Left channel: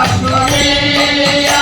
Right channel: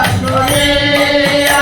আসরে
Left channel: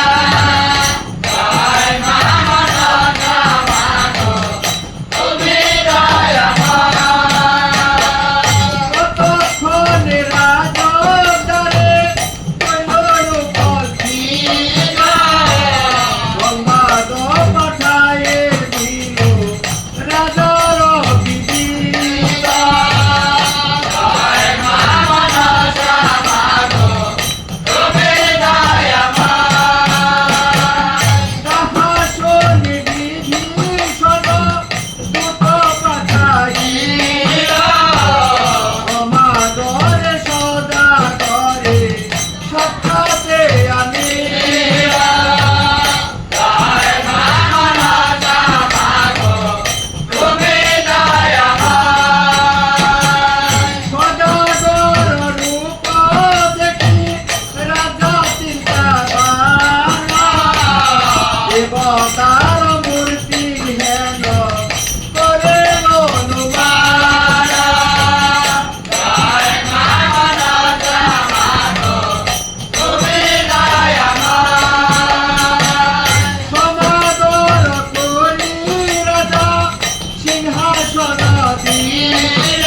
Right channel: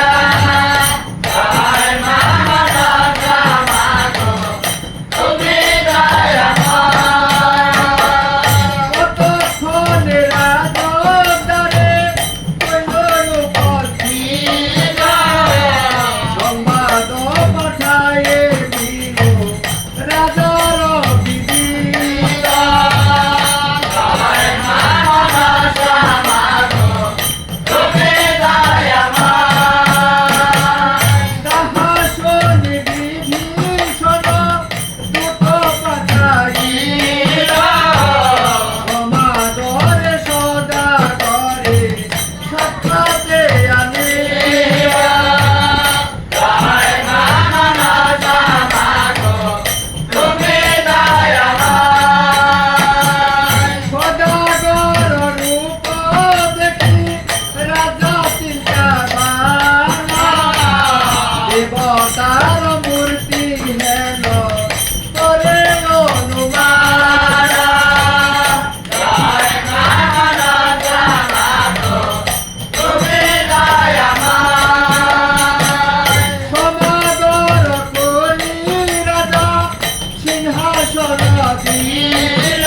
অবতার মূর্তি হেন করে সিংহাসন দিয়ে